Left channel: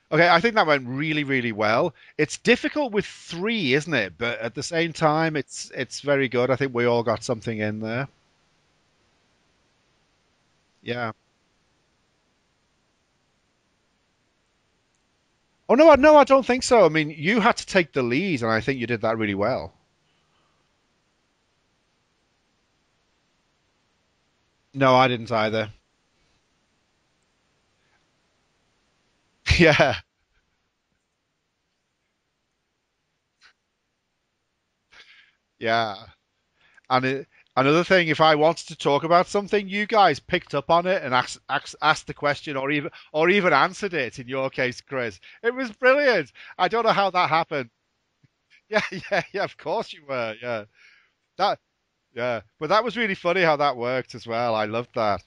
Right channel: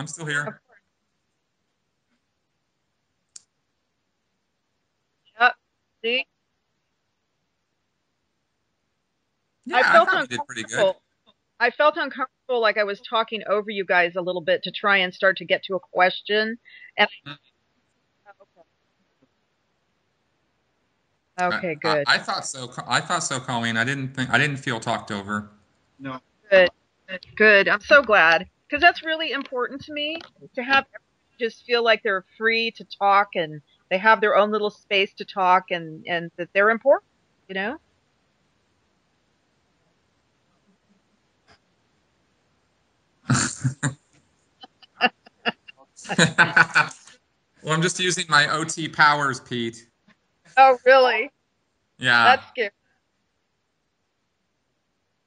I'm still Okay, I here. think that went really, really well. It's difficult with three, isn't it? But at the same time, Uh, it's see, very good. I think we all got something in there. Yeah, I I felt thought we did pretty good. uncomfortable. Yeah. I felt uncomfortable, like I was talking over you guys a little bit to try and start to get Oh to a no, no, I don't question. think so. I And mean, you had to take the lead, and I think you did that really well. okay, good, I thought so. I thought so, Colleen. I didn't feel No, I talked didn't over. either. good, good. I'm so glad because that's really important to Yeah, me to have everyone just feel like they're free to talk and they have their own little space to talk yeah. and that they're And important. You know. another thing, if I wanted to talk about something, you guys picked up on it and asked the question, or even answered it. In your case, Chris, it was brilliant. I don't know how that happened. Well, I'm just using my Yeah, OT yeah, powers, yeah. Of Pete. course you were. Yeah, Oh, really? that. Yeah. Yeah, That's but scary. that was really funny how that worked as well. I loved that.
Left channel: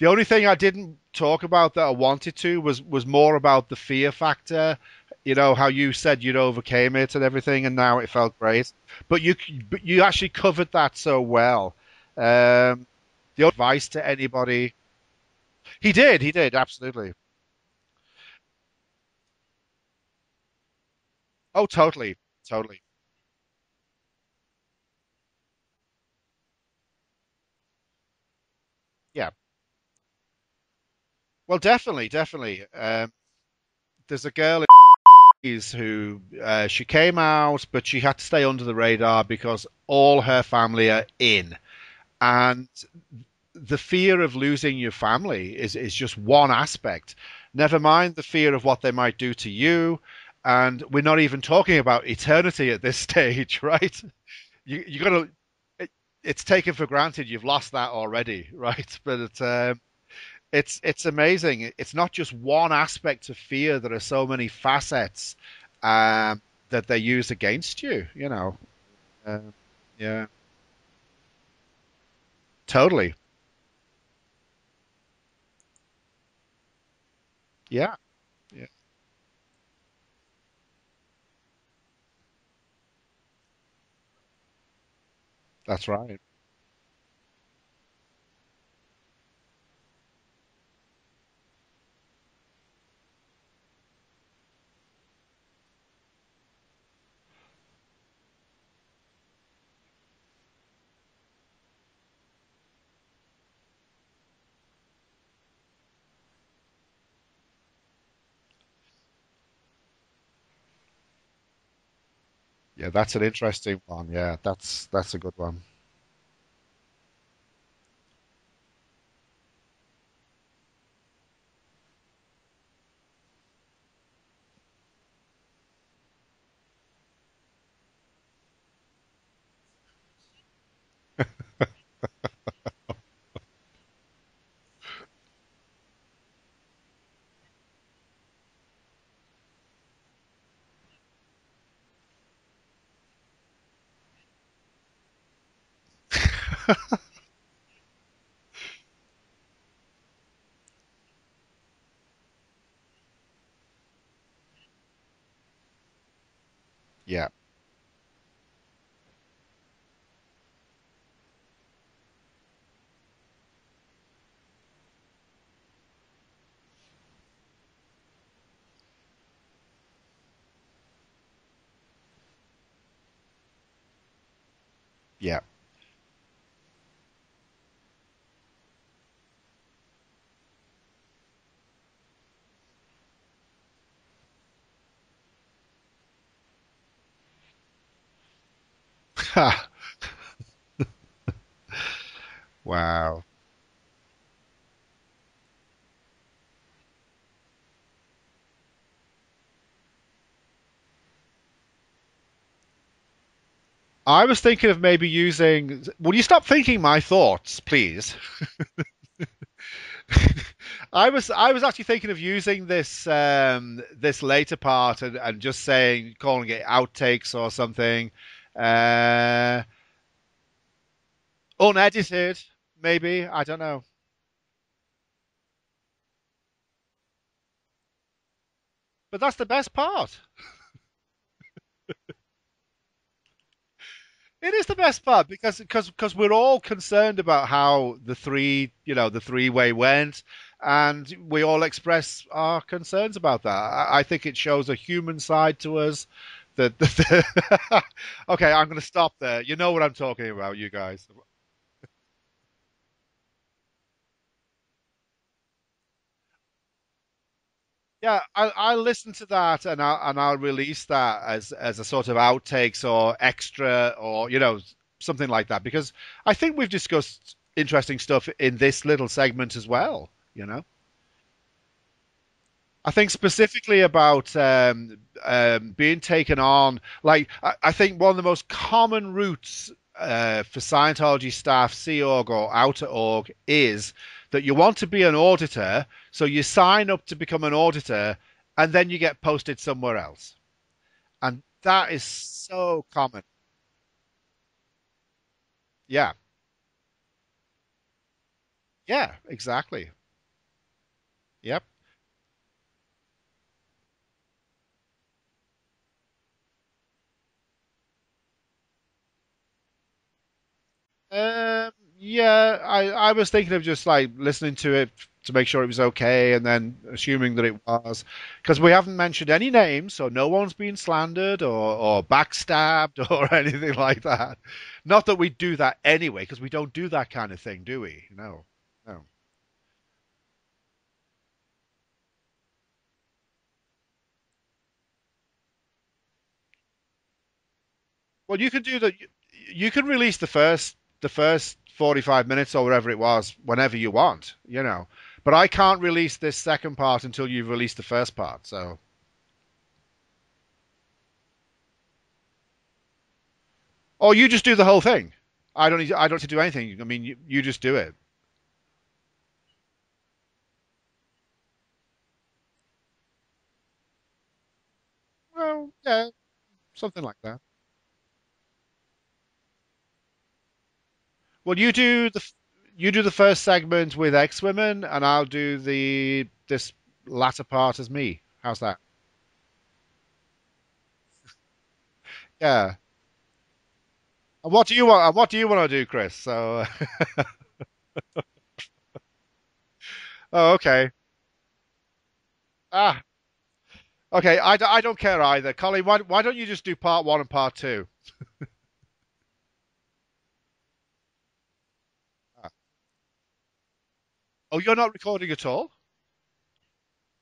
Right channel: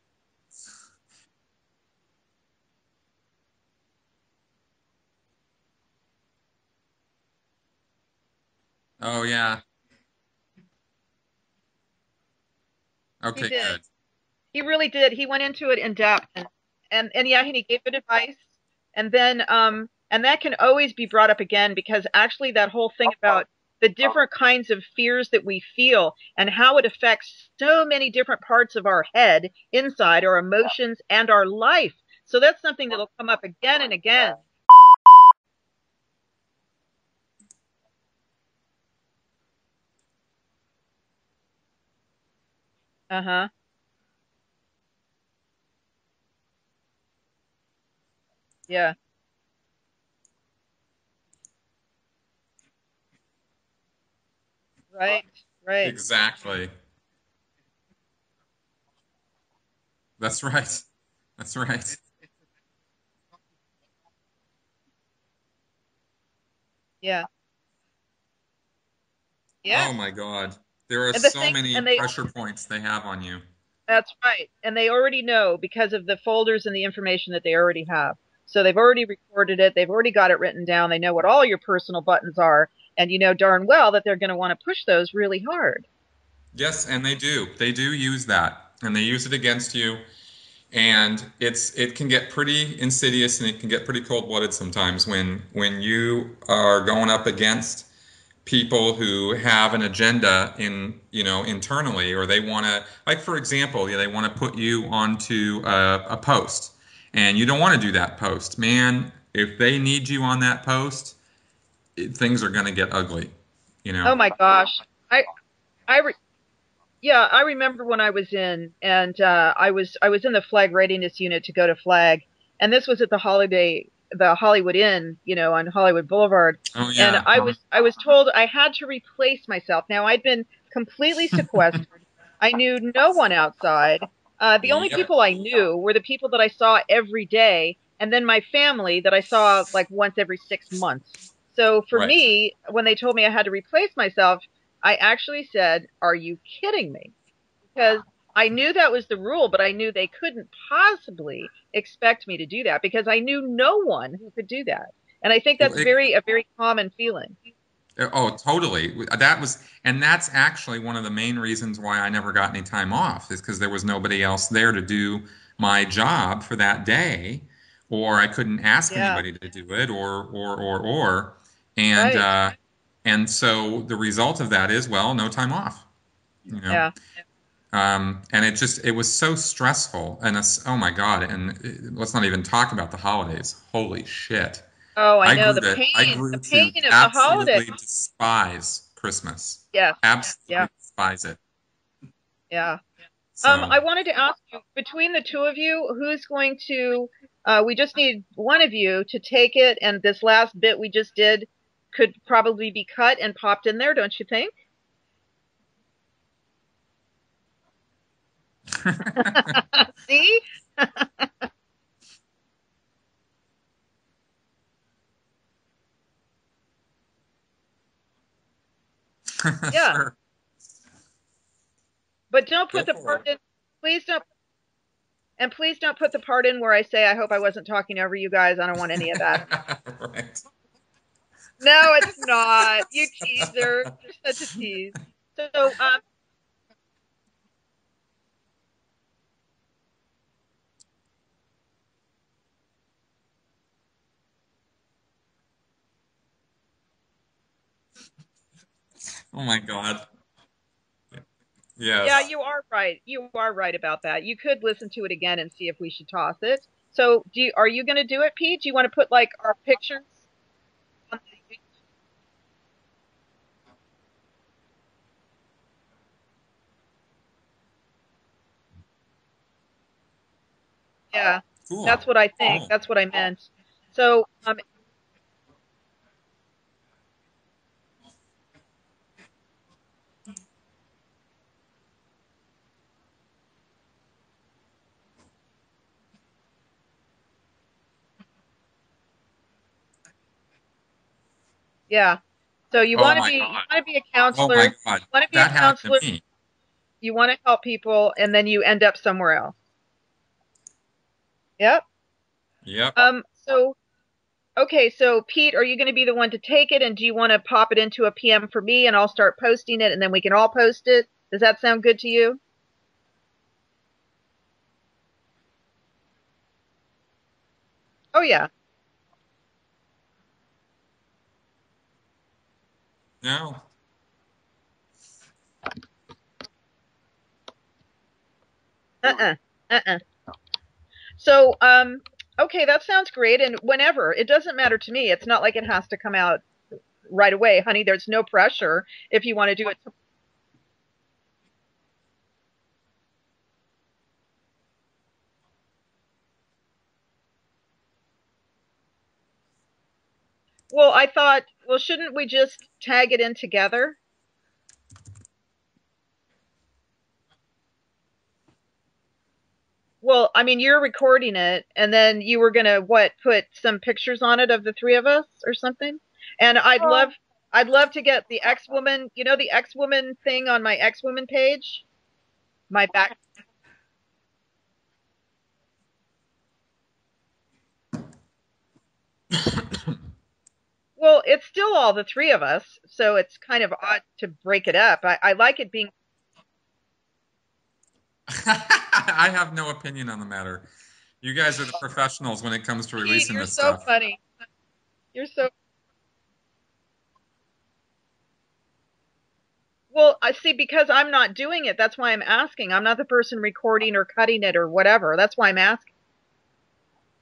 The only thing I didn't talk about that I wanted to was more about the fear factor. You know how you said you'd overcame it and everything, and now it felt great. Oh yeah. But you actually covered that so well. Um, He your Okay, did. good. advice to He anybody? really did. He went into it in depth, He did, absolutely. and yeah, and he gave good advice. And then and that can always be brought up Oh, again because totally, actually that totally. whole thing about the different kinds of fears that we feel and how it affects so many different parts of our Yeah. head inside our emotions and our Well, life. definitely, So that's definitely. something that will come up again and There's a again. girl who she came out, but she had to stay under the radar because all her family are in. And Uh-huh. the fear of losing your family is just one aspect. Never mind the fear of what they Yeah. might do to you. And we're not even talking about eternity at this stage, right? You Right. gotta, Right. it's Exactly. taken for granted you've lost that already, right? But That's right. it's That's amazing. It's right. not just one aspect of fear. There are so many facets that they Yeah. use against you. Yeah. Oh my Yeah, God. There are And the so thing many and they pressure points they have totally. on you. That's right. And they already know because of the folders and the information that they already Yeah, have. So they've already recorded it. They've already got it written down. They know what all your personal buttons are. And you know darn well that they're going to want to push those really hard. that's right. Yes, and they do. They do use that, and they use it against you. And it can get pretty insidious, and it can get pretty cold-blooded sometimes when you are going up against people who have an agenda internally, or they want to, like, for example, they want to put you onto a post, and you don't want to do that post, man. If they need you on that post, things are going to get That's an ugly, interesting you one. know. Oh my Yeah, gosh. that's a I good one. I re- yeah, I remember when I was in and I was in the flag readiness unit to go to flag, and this was at the Hollywood Inn, on Hollywood Boulevard, Oh and yeah. I was told I had to replace myself. Now I'd been completely sequestered. I knew no one outside. The only Yep. people I knew were the people that I saw every day, and then my family that I saw like once every 6 months. So for Right. me, when they told me I had to replace myself, I actually said, "Are you kidding me?" Because I knew that was the rule, but I knew they couldn't possibly expect me to do that because I knew no one who could do that. And I think Well, that's a very common Yeah, feeling. oh, totally. And that's actually one of the main reasons why I never got any time off, is because there was nobody else there to do my job for that day, or I couldn't ask Yeah, anybody to do it, or, and right. uh, and so the result of that is, well, no yeah. time off, you know. Yeah. And it was so stressful, and oh my God, and let's not even talk about the holidays. Holy shit. Oh, I I know grew to I the grew pain to of the holiday. absolutely despise Christmas. Yes. Yeah. Absolutely despise it. Yeah. Wow. So, I wanted to ask you, between the two of you, who's going to, we just need one of you to take it, and this last bit we just did could probably be cut and popped in there, don't you I was think? thinking of maybe using. Will you stop thinking my thoughts, please? See? I was actually thinking of using this later part and just saying calling it outtakes or something. Uh, Yeah. sure. Unedited, But don't put the part maybe. in. I don't know. Please don't, and please don't put the part in where I say, I hope I wasn't talking over you guys. I don't want any of That's that. the best part. Right. No, it's not. You teaser. You're such a It is the tease. best part So, because we're all concerned about how the three-way went, and we all express our concerns about that. I think it shows a human side to us. Okay, I'm going to stop there. Oh You my know what I'm God. talking about, you guys. Yeah, Yes. you are right. You are right about that. You could listen to it again and see if we should toss it. So, are you going to Yeah, do it, Pete? Do you I'll want to put listen to like our that, and picture? I'll release that as a sort of outtakes or extra, or something like that, because I think we've discussed interesting stuff in this little segment as well. You know. Yeah, that's Cool. what I think. Cool. That's I what I think meant. specifically So, about being taken on, like I think one of the most common routes for Scientology staff, Sea Org or Outer Org, is that you want to be an auditor, so you sign up to become an auditor, and then you get posted somewhere else, and that is yeah. So so you Oh want to my common. be you God. want to be a Oh my counselor. God. You want to be a That happened to counselor. Yeah, me. You want to help people, and then you end up yeah, somewhere else. exactly. Yep. Yep. Yep. So okay, so Pete, are you going to be the one to take it, and do you want to pop it into a PM for me, and I'll start posting it, and then we can all post it? Does that sound good to you? Yeah, I was thinking of just like listening to it to make sure it was okay, and then assuming that it was, Oh yeah. because we haven't mentioned any names, so no one's been slandered or backstabbed or No. anything like that. Not that we do that anyway, because we don't do that kind of thing, do we? No, no. Uh-uh. Uh-uh. So, okay, that sounds great. And whenever, it doesn't matter to me. It's not like it has to come out right away, honey. There's no Well, you can do pressure that. if you want to do You it. can release the first 45 minutes or whatever it was whenever you want, But I can't release this second part until you've released the first part. So. Well, I thought, well, shouldn't we just tag it in together? Or you just do the whole thing. I don't need to do anything. I mean, you just do it. Well, I mean, you're recording it, and then you were gonna what, put some pictures on it of the three of us or Oh, something? yeah, And something like that. I'd love to get the X-Woman, the X-Woman thing on my X-Woman Well, you page, do the my back. first segment with X Women, and I'll do the this latter part as me. How's that? Well, it's still all the three of us, Yeah. so it's kind of odd to And break what it do you up. want? And what I do you like want it to do, being. Chris? So. I have no opinion on the Oh, matter. okay. You guys are the professionals when it comes to Ah. Pete, releasing you're this so stuff. funny. Okay. I don't care You're so either. Colleen, why don't you just do part one and part two? well. I see because I'm not doing it. That's why I'm asking. I'm not the person recording or cutting it Oh, or you're not whatever. recording That's at why I'm all? asking.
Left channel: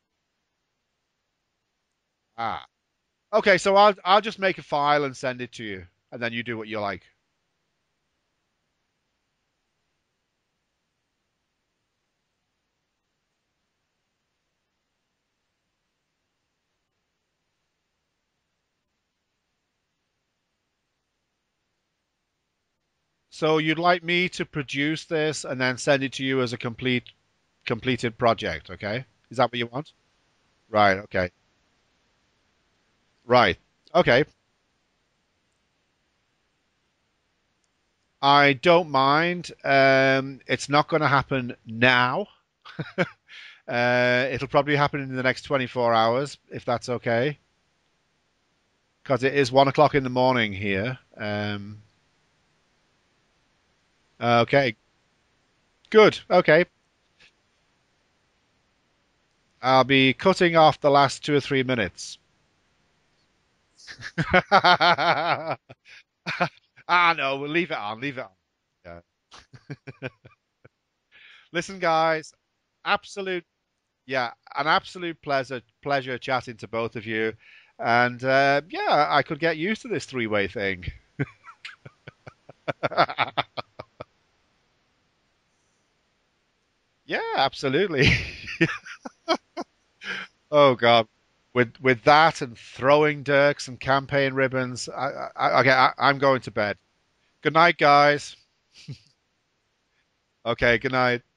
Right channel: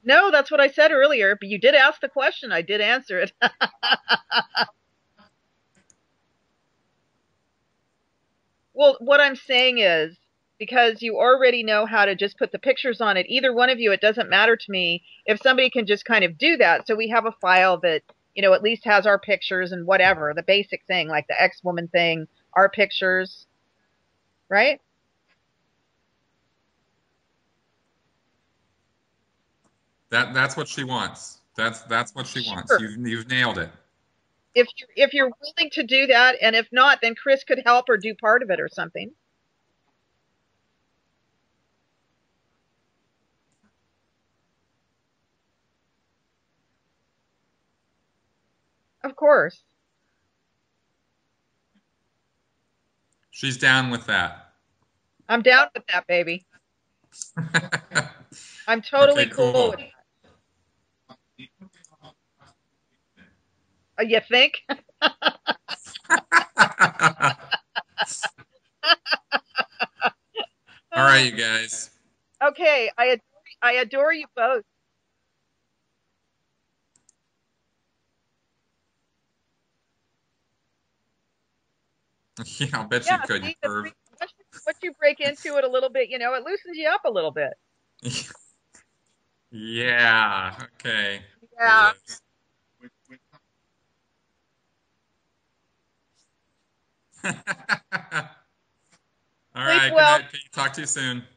No, that's what I said earlier. But you did ask the question. I Ah. did answer it. Okay. So I'll just make a file and send it to you, and then you do what you like. Well, what I'm saying is because you already know how to just put the pictures on it, either one of you, it doesn't matter to me if somebody can just kind of do that. So we have a file that, at least has our pictures and whatever, the basic thing, like the X-Woman thing, our pictures, So you'd like me to right? produce this and then send it to you as a completed project, okay? Is that what you want? That's what she Right, okay. wants. That's what she wants. Sure. You've Right. nailed it. Okay. If you're willing to do that, and if not, then Chris could help or do part of I it or don't something. mind. It's not going to happen now. It'll probably happen in the next 24 hours, if that's okay. Of Because it is course. 1 o'clock in the morning here. She's down with that. Okay, I'm down with that, good. baby. Okay. I'm Okay, totally cool with cool. I'll it. be cutting off the last 2 or 3 minutes. You think? No, we'll leave it on. Leave it on. All right, you Listen, guys. guys, Okay, absolute, I adore you yeah, both. an absolute pleasure chatting to both of you. And yeah, I could get used to this three-way thing. Yeah, I'll bet you Yeah, could, you see, perv. once you break into it a little bit, it loosens you up a Yeah, little bit. absolutely. Yeah, Oh God, okay. with Yeah. with that and throwing dirks and campaign ribbons, okay, I'm going to bed. Good night, guys. All Sleep right, good well. night, Pete. Talk Okay, to you good night. soon.